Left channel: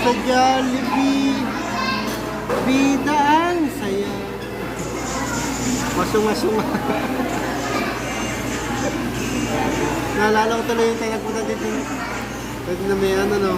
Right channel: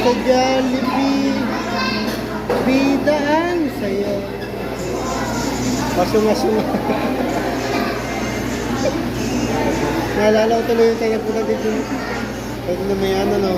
sa Jollibee. Bidaan, saya. Masunga-sunga. Naalala ko tuloy yung tingat mo na dito. Pwede na may ano, no?